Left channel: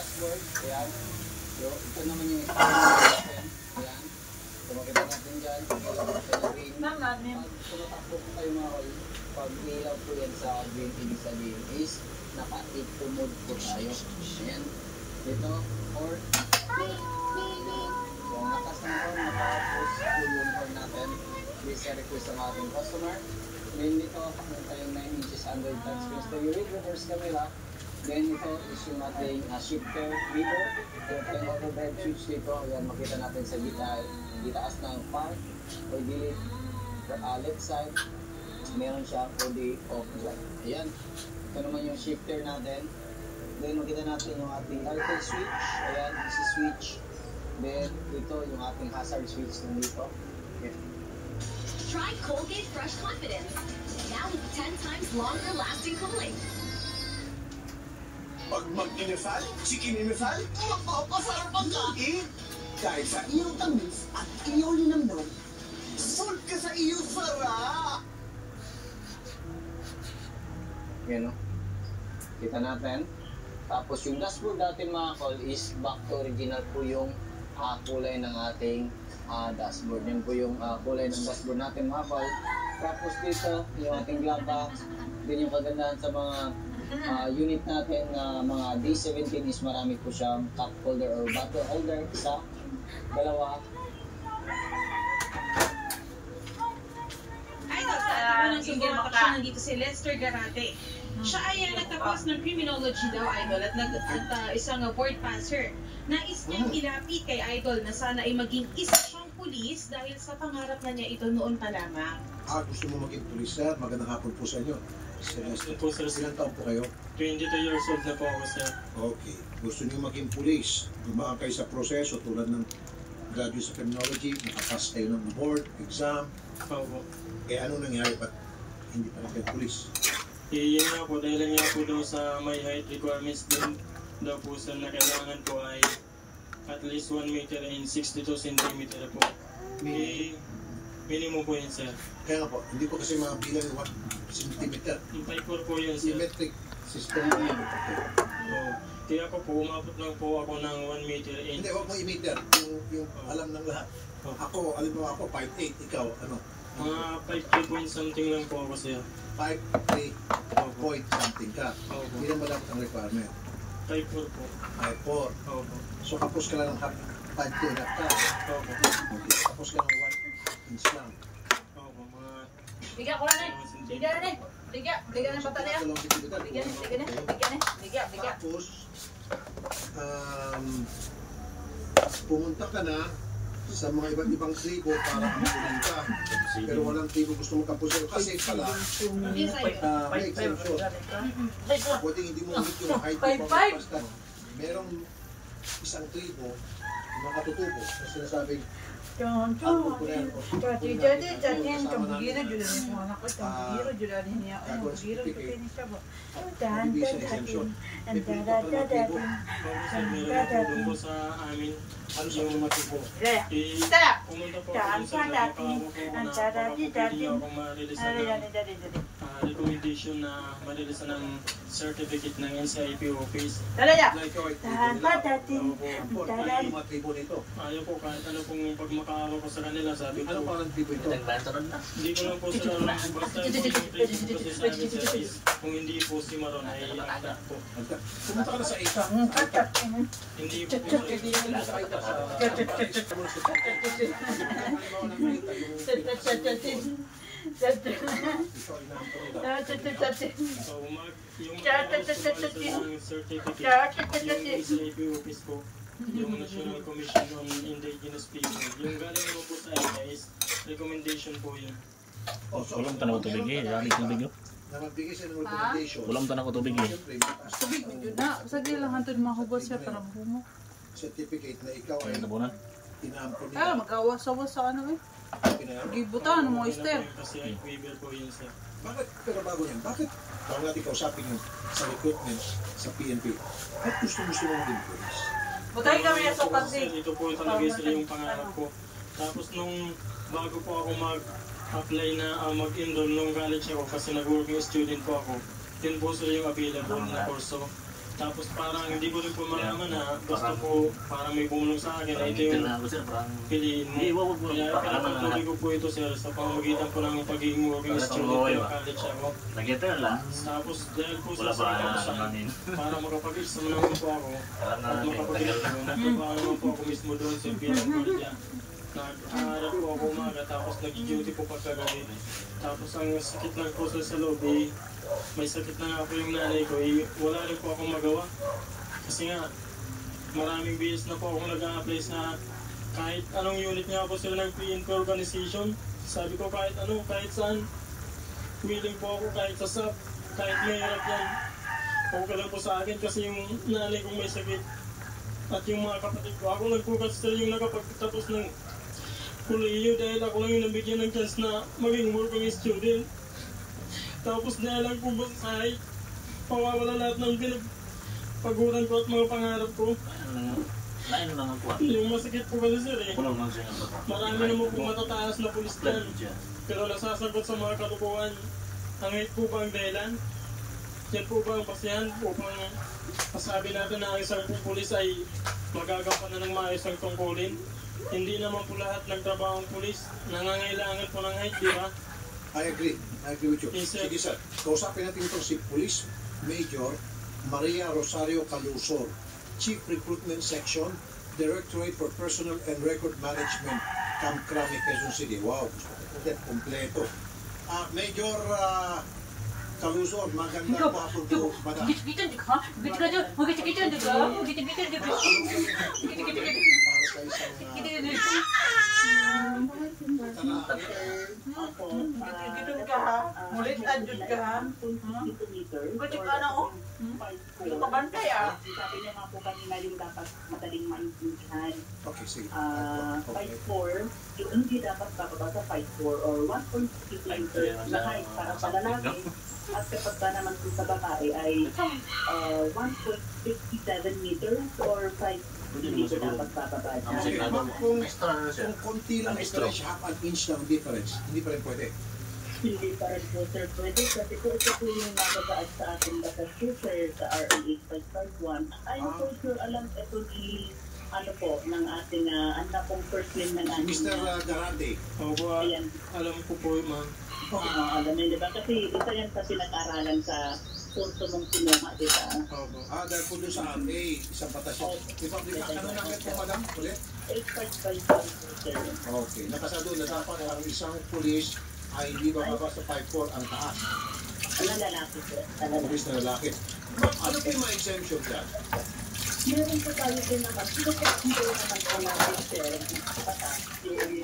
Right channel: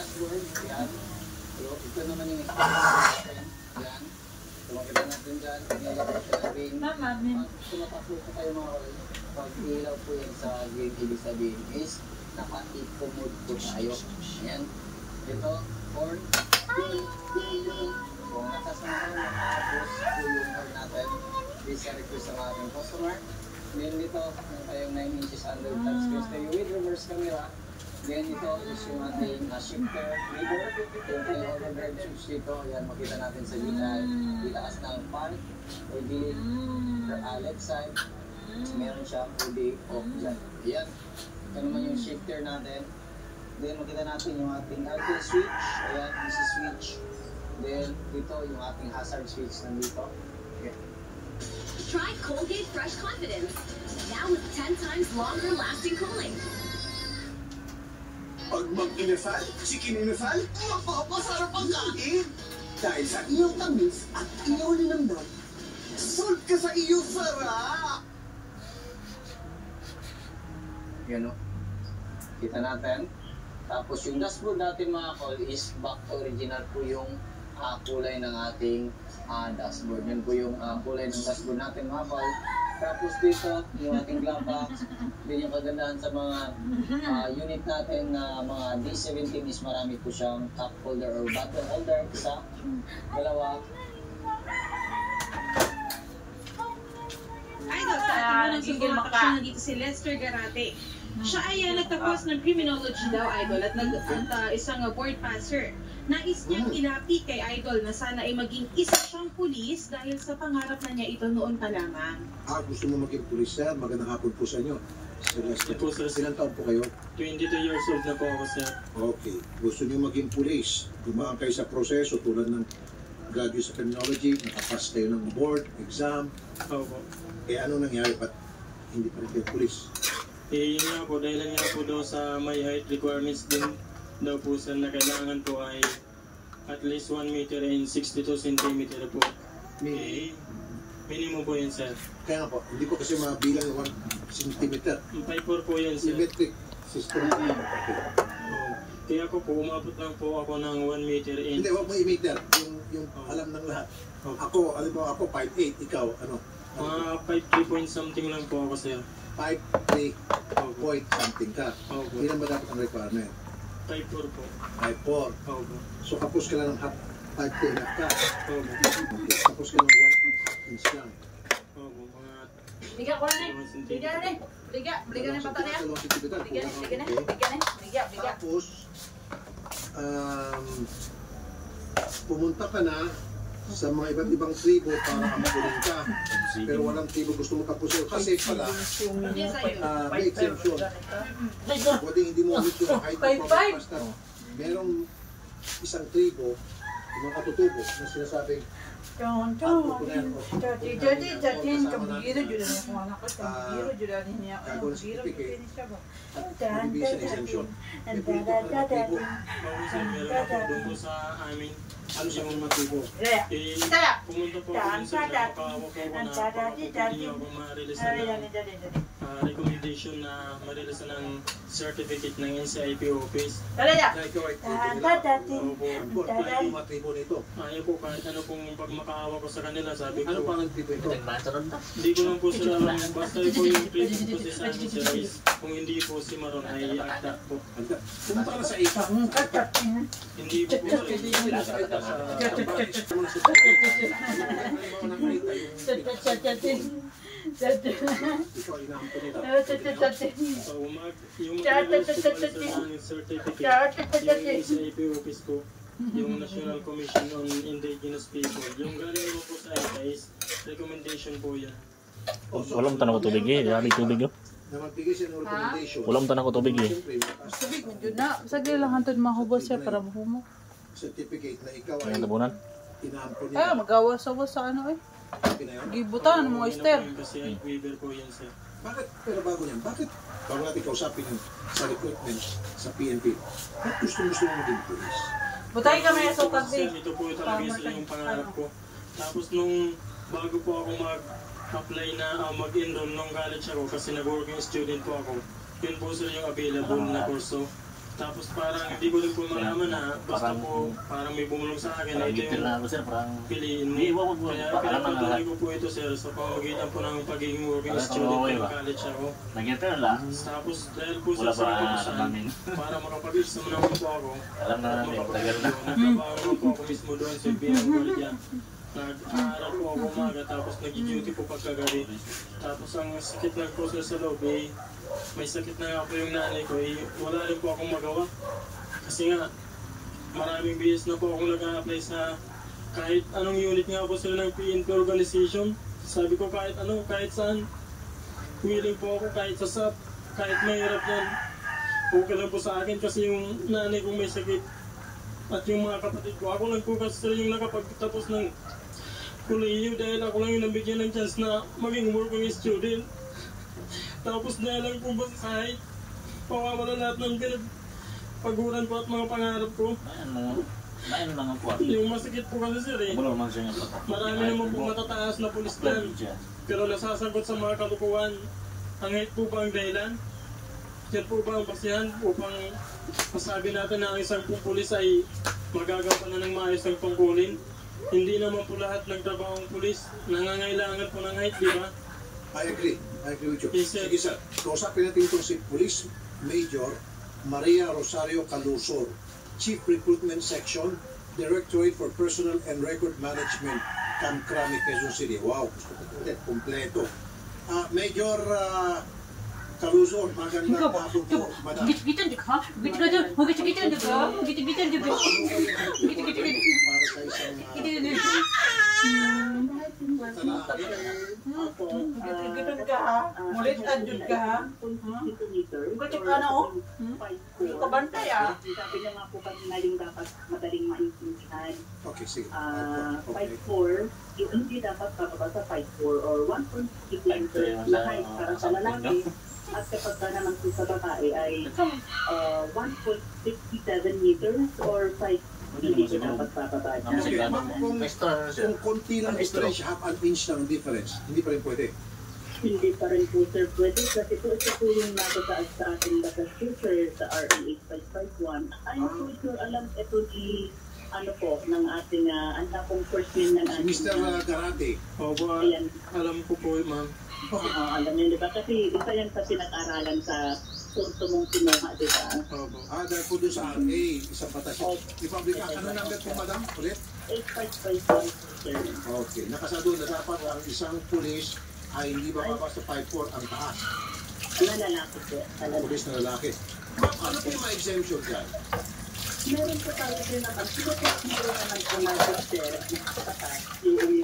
dashboard. Ayan. So, ito naman yung natin. Ayan. So, makita natin dyan. Tumatakbo po kayo mga pag-ilaw po yan sa green. Ibig sabihin is naka-8 mode po tayo. Ayan. Ito, or so, nakas na po, naka-post po yung or natin. Please request sa ating customer. Then dito, meron tayong 9 inches under touchscreen stereo with reverse camera. Then ito is yung ating shifter lever. Yung ating overdrive switch dito. Ayan, makita natin sa ditaas ng pan o gilid left side. Meron siyang OD off light. Ayan. Ito naman yung shifter natin. Then makita natin yung ating aircon switch. Ayan, easy switch. Then ito yung ating hazard switch nandito. Ayan. Try Colgate Fresh Confidence. Now with 10 times longer lasting cooling. Pag mag-inasal, chikin-inasal, mapapasarap ang kain. Dahil sa iyong tamis at iyong linamnam, solve ka sa iyong sarap. Yan o. Kita natin. Tapos yung dashboard natin mga call is back to original po yung kulay ng ating dashboard. Yan po yung kulay ng dashboard natin mga call. Tapos dito yung ating glove, din yung kagandahan sa mga unit natin na mga D17 is marami po siyang cup holder or bottle holder. Isa, dalawa. Idol, sa ating unang single makaksyon nandito si Lester Garate. Siya ay nagtapos ng criminology daw, Idol, at isang board passer. Nais niyang ilapit kay Idol na sana ay maging isa siyang pulis dahil sa pangarap na niya ito noon pa lamang. Gusto mo maging pulis, sir? Magandang hapon po sa inyo. Sir Lester, po, sir. Ilan taon po kayo? 22 years old na po ako, sir. Okay. Gusto niyo maging pulis, dumaan kayo sa proseso tulad ng graduate sa criminology, nakapass kayo ng board, exam. Opo. Ano nangyari? Ba't hindi pa rin kayo pulis? Yun nga po, dahil nga po daw sa may height requirements din daw po sir na kailangan po ay at least 1 meter and 62 centimeter po. Minimum po yun, sir. Kaya nga po, hindi ko kasi mabilang 1 centimeter. 5'4" po yun, sir. Symmetric system. Kaya po umabot lang po ako ng 1 meter and... Hindi, wag mo i-meter. Yung alam ng lahat. Ako, alam mo ako, 5'8", ikaw, ano? 5'3" point something lang po ako, sir. 5'3" point something ka. Ilan ba dapat ang requirement? 5'4" po. 5'4". Opo. So kapos ka lang ng 5'3" ka. Opo. Kapos ka ng 1 inch lang. Opo, mga... Biga ko na Biga na eh. Biga na yung pata niya. Biga. Tapos, pumunta ka na sa mga iba't ibang tribo para ampunin ka. Pero walang tribo gusto mo tapusin. Kasi pala, may exemption. Pwede hindi mo ulit yung height of basta merong isang tribo, mga katutubo, na sinasabing visa exemption. Meron po sa amin yung matibo. Pumunta po ako dun sa makawa ko na hindi ako ma-release ng recommendation na ma-release ng certificate ng NCIP office. Ikaw ay mga tribo nito. Ayaw po kahit ano pong pag makaawa ko sa kanila, sabi ko. Ano pa ng tribo ito? Hindi ko lang po sila alam. Basta po yung treatment ko sa amin sir is kung hindi po si Maron ay agda po. Pumunta ka na sa ita. Hindi po po Sa ita. Ikaw ay naampun nito. So, yung certificate, yung SAP office po, yung National Commission on Indigenous People, yung galing mo po sa is recommendation po yan. Walang tanong ko tubig eh, yari tubig yun. Na magbigay siya ng recommendation. Walang tanong ko tubig eh. Tubig yun na. Sagli lang hantod mahubos siya para mahumo. Certificate na ikaw ay Ang tabunan. tinaampun nito. Magawas-awas sa ano eh. Gibutan mo, Esther. Kasi ay waiver po yan sir. Bakit, pero bago yan, bakit bago natin kausapin yun sa recruitment sa PNP, bakit gusto mo maging police? Butay ka may asukag Sir, ito po talaga sila yung pangarap ko. Tapos nung bago po ako mag-apply na mag-enroll nung college ako kasi nag-working student po ako, yun po sila yung available na kurso. Tapos parang hindi ko rin po malaman na basta po parang may bumulong sa akin na ito yung piliin mo. Kaya pinapatuloy ko po ito sir sa pamamagitan po ng pagiging working student ng college ako. Tapos dahil po sa sinapasan, para makapag-exam naman po ako at nagtatrabaho po ako mismo doon sa bilang gwardiya. Nag-aaral po ako umaga tapos nag-duty po pagkagabi. Tapos ang sakit lang po sa loob may sakit na nga po yung nanay ko, wala rin po akong magawa. Kasi nga, maraming bihis na po akong nag-a-apply sa kahit anong unit nga po sila ng PNP organization. Sabi ko kahit ano, kahit saan, willing po ako kahit sa SAP, kahit mahirap yan. Okay lang po sa akin kasi yung nanay ko may sakit. At yung mga kapatid ko, ako lang po kasi yung nakapagtapos ng kolehiyo dahil ako lang yung nabigyan ng chance na maging working student. Tapos na lang po ba sa sahig, pawawala lahat ng pinagpaguran ko at mga pangarap ko. Yung masakit po kasi sir marami naman po matataas na pulis dyan. Pero nasasagot sa mga kalukuhan. Ang hate po ba ang dahilan? Yan po ba ang basihan upang masabi natin na ang isang pulis ay magagawa na ng maayos ang tungkulin? Hindi naman po lahat ng trabahong pulis nangangailangan po ng hate, di ba? I agree with you. Yes, sir. Sige sir, kausapin natin itong si Police Major Maria Rosario Calusor, Chief Recruitment Section, Directorate for Personal and Record Management, Camp Crame, Quezon City. Wow, kompleto. Major Calusor, magandang hapon po, madam. Para sa isang Gitod ka ha? Mulit adjud ka ha? Gitod ka na o? Hindi ka bantay ah. Sabi niya nga po kanina yung dapat madaling maintindihan. Okay, sige. 5'4", yung hindi dapat bababa sa 5'4" or 1.6 meters na height para sa lalaki. At kapag ka naman po sa babae ay 1.67 meters or 5 hindi ko dapat bababa niya. Ma'am, kung konti lang stretch, half an inch lang difference, hindi pa rin pwede. Hindi pa rin po sir pwede kasi po ito po yung nagataas sa ating batas sir sa RA 8551. Ayun po sir, alam ito di ano po ng ating anak kong first name na natin. Mr. Garate. Opo, alam ko po ma'am. Alam niyo diba? Kasi isa yan sa pinag-aralan sa kurso mong kinuha, diba? Dahil po doon sa RA, isang batas yun. Republic Act, ano number po madam? Ulit? 8551 sir. Okay, nakasado na dapat ang isang pulis ay hindi bababa sa 5'4" ang taas. Na lalaki po. Pulis na lalaki. Ano po yung mga exemption dyan? Meron po tayo din naman. Siguro hindi naman po natin sir. Yung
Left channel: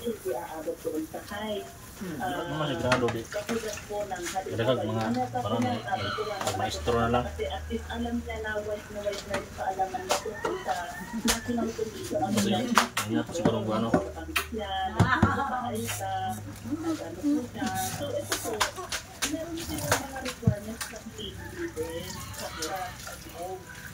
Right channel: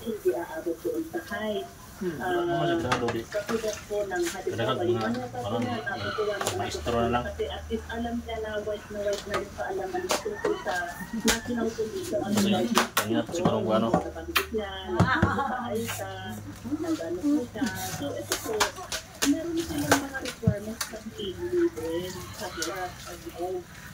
hindi aabot po sa height. Masigurado di. Kadagag mga parang maestro na lang. Kasi at least alam niya na wise na rin kaalaman na tungkol sa national condition. Kanya siguro kung ano. Sa pagkikit niya, nag-aay sa, nag-ano po siya. So ito po, meron silang mga requirements ng din.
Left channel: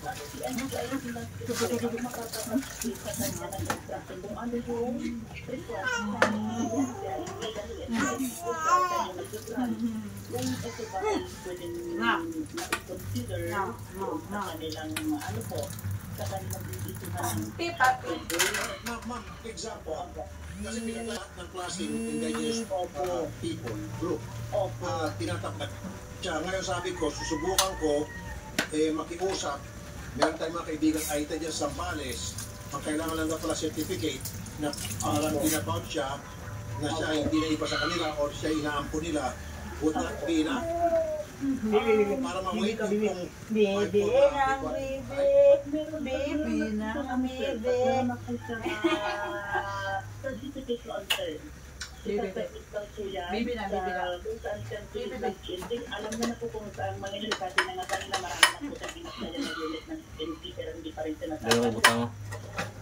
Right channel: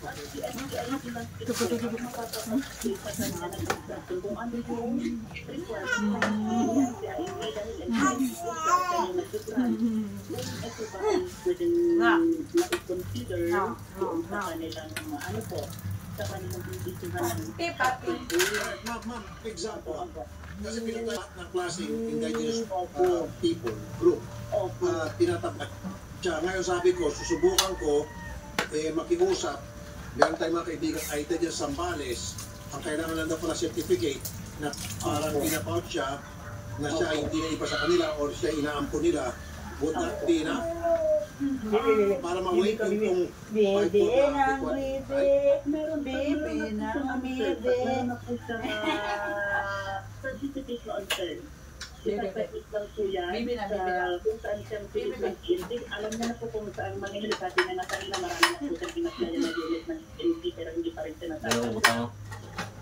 Kasi si NBI silang ito makapag-state pa sa niya na kung ano yung requirements ng NBI dahil NBI po sa kanyang nag-grant. Then ito ba ay pwedeng na-consider doon sa kanilang ano po sa kanilang pagkikuhan. Ma'am, example. Kasi pinaglahat ng klaseng indigenous people group. Tinatapat siya. Ngayon sabi ko, susubukan ko makiusap. Meron tayong mga kaibigang AITA dyan sa Zambales. Ang kailangan lang na pala certificate na parang pinapout siya na siya hindi na iba sa kanila or siya inaampo nila. Would that be enough? Para ma-wait yung Bebe na certificate na on-turn. Ipapait lang po yan kung saan siyang pinag-ending. Alam na po kung saan manila kasi na nga kanina marami na po siyang pinaplaya na unit ng NP pero hindi pa rin siya natapos.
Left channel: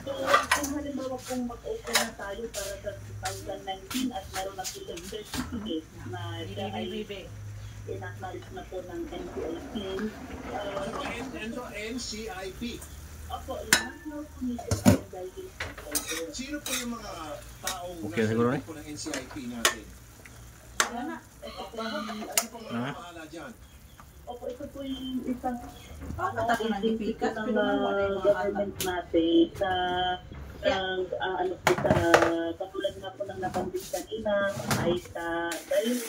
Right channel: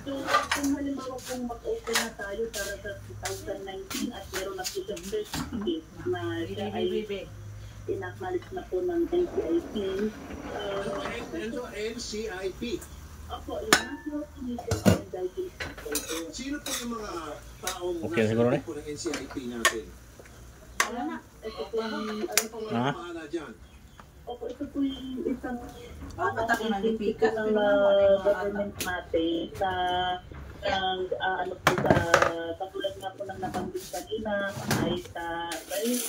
So, kung halimbawa kung mag-open na tayo para sa 2019 at meron na po siyang certificate na siya ay in-acknowledge na po ng NCIP. NCIP? Opo, yung National Commission on Guiding People. Sino po yung mga taong Okay, siguro na? po ng NCIP natin? Ito po yung Ano po mga pangalan dyan? Opo, ito po yung isang Pataki ng agency po lipikas, ng pero naman, government natin sa ano po sa katulad nga po ng nabanggit kanina ay sa yung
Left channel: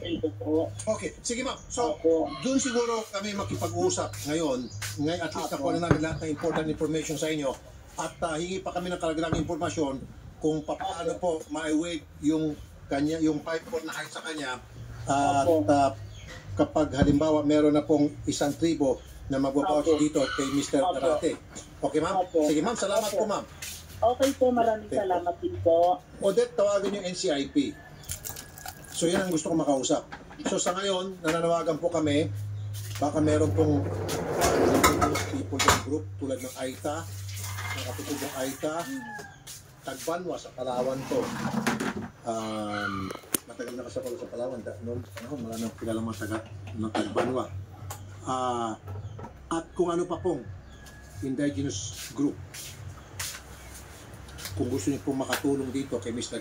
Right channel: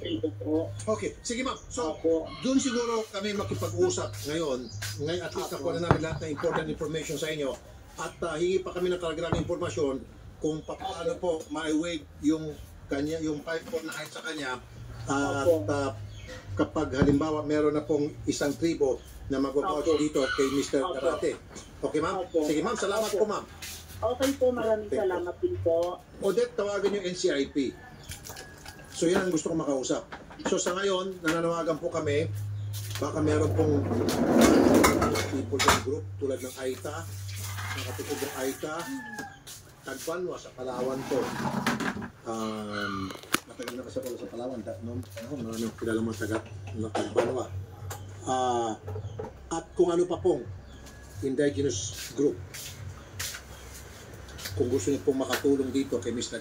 tribo po. Okay, sige ma'am. So, Opo. doon siguro kami makipag-usap ngayon. Ngayon at least nakuha na namin lahat ng important information sa inyo. At hingi pa kami ng karagdagang impormasyon kung paano po ma-waive yung kanya, yung 5 foot na height sa kanya. At kapag halimbawa meron na pong isang tribo na magpapautos dito kay Mr. Garate. Okay ma'am? Sige ma'am, salamat po ma'am. Okay po, maraming salamat din po. Odette, tawagan yung NCIP. So yan ang gusto ko makausap. So sa ngayon, nananawagan po kami, baka meron pong people in group tulad ng AITA, ng katutub ng AITA, Tagbanwa sa Palawan to. Matagal na kasapalo sa Palawan. Maraming kilala mga taga ng Tagbanwa. At kung ano pa pong indigenous group. Kung gusto niyo pong makatulong dito kay Mr.